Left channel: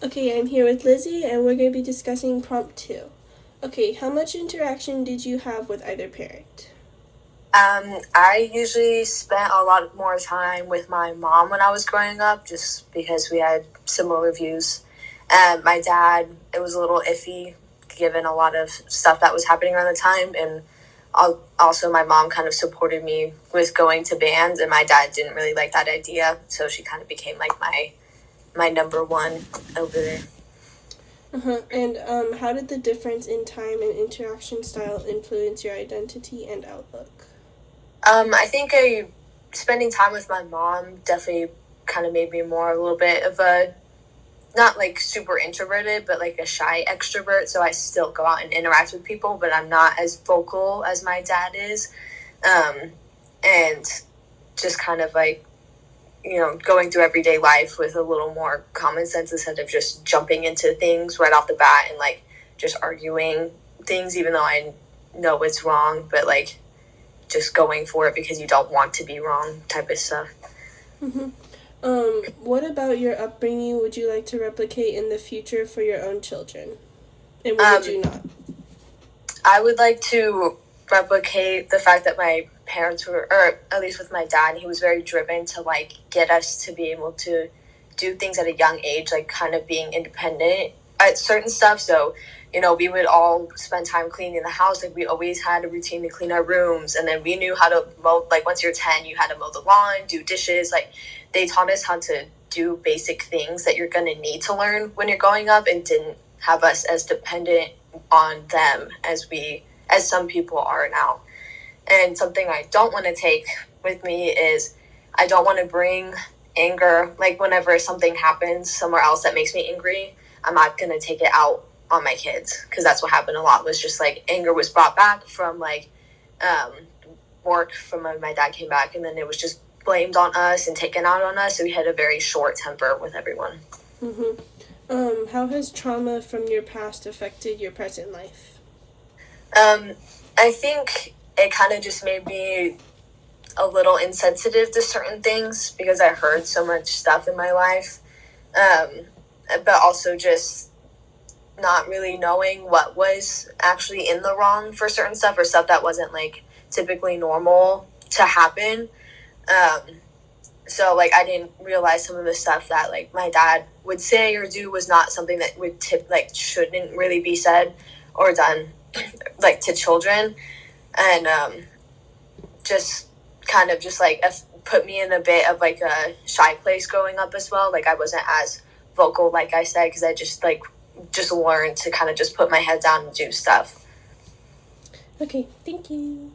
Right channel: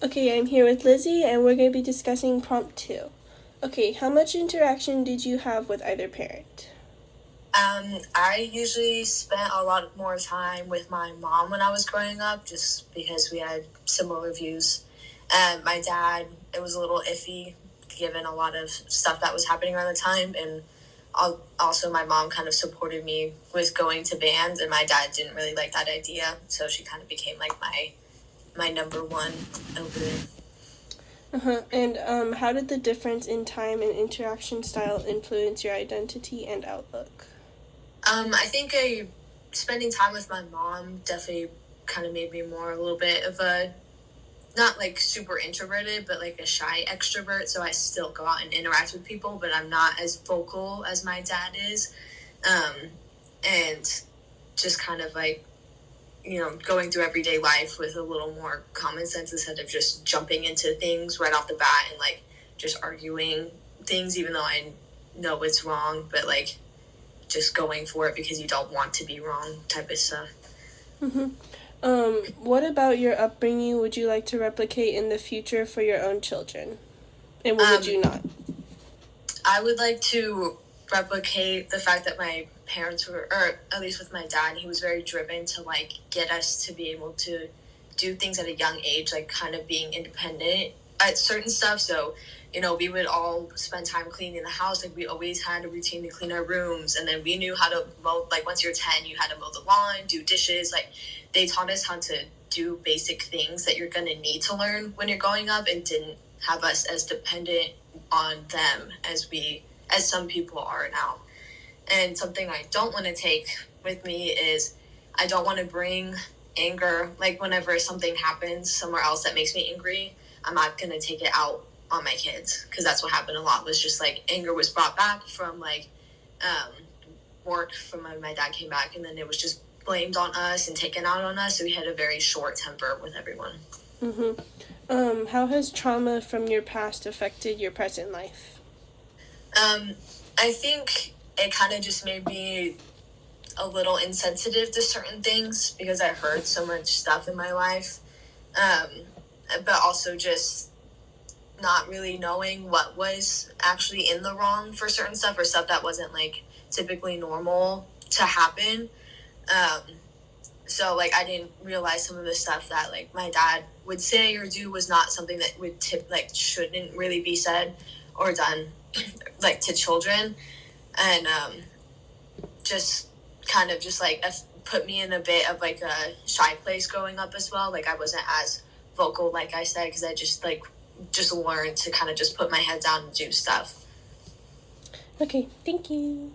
Okay, I'm here with Lizzie, and we're going to be discussing prompt 2. Okay, how much interaction did you have with either parent? I usually spent a lot more time with my mom when I was growing up, just because we had similar views. And my dad, it was a little iffy, given a lot of stuff that was happening around the time. And also, my mom kind of supported me with going to bands, and my dad didn't really like that idea, so she kind of became like my number one over there. And how did the difference in time and interaction style influence your identity and outlook? I think spending time with my mom definitely kind of made me more a little bit of a not like super introverted, but like a shy extrovert. So I still go out and interact with people, but I'm not as vocal as my dad is. Um, and just kind of like, going through everyday life with a little more common sense instead of just jumping into things right off the bat and like just arguing things, even though I know it's wrong, but like just going for it because you don't want to be wrong type of stuff. Mm-hmm. What about your upbringing would you like to replicate in the future for your own children? And what would you not? I would like to replicate the fact that my parents were, or at least with my dad, he was very driven to like get us to be able to do things at a young age, like kind of being independent at certain stuff. So, we would all spend time cleaning the house. Like we always had a routine to clean our rooms, and then we knew how to mow. Like once you're 10, you had to mow the lawn, do dishes. Like they taught us how to do basic things that you're gonna need to learn when you're growing up, and didn't have us as dependent on them as some people are now. And something I don't want to take with me is I don't want to bring anger, like whenever something happens somewhere else that makes me angry, I'm not going to take it out on my kids, because that's what happened a lot, was just like anger was brought back from like um, work from when my dad came back, and then it was just blamed on us and taken out on us. So we had a very short temper with everyone. Mm-hmm. How has trauma from your past affected your present life? Um, I think it kind of just made me a little insensitive to certain things because I heard so much stuff in my life. Um, but also just not really knowing what was actually in the wrong for certain stuff, or stuff that wasn't like typically normal to happen. Um, so like I didn't realize some of the stuff that like my dad would say or do was not something that would shouldn't really be said or done like to children. And just kind of just like put me in a bit of like a shy place growing up as well. Like I wasn't as vocal, like I said, because I just learned to kind of just put my head down and do stuff. Okay, thank you.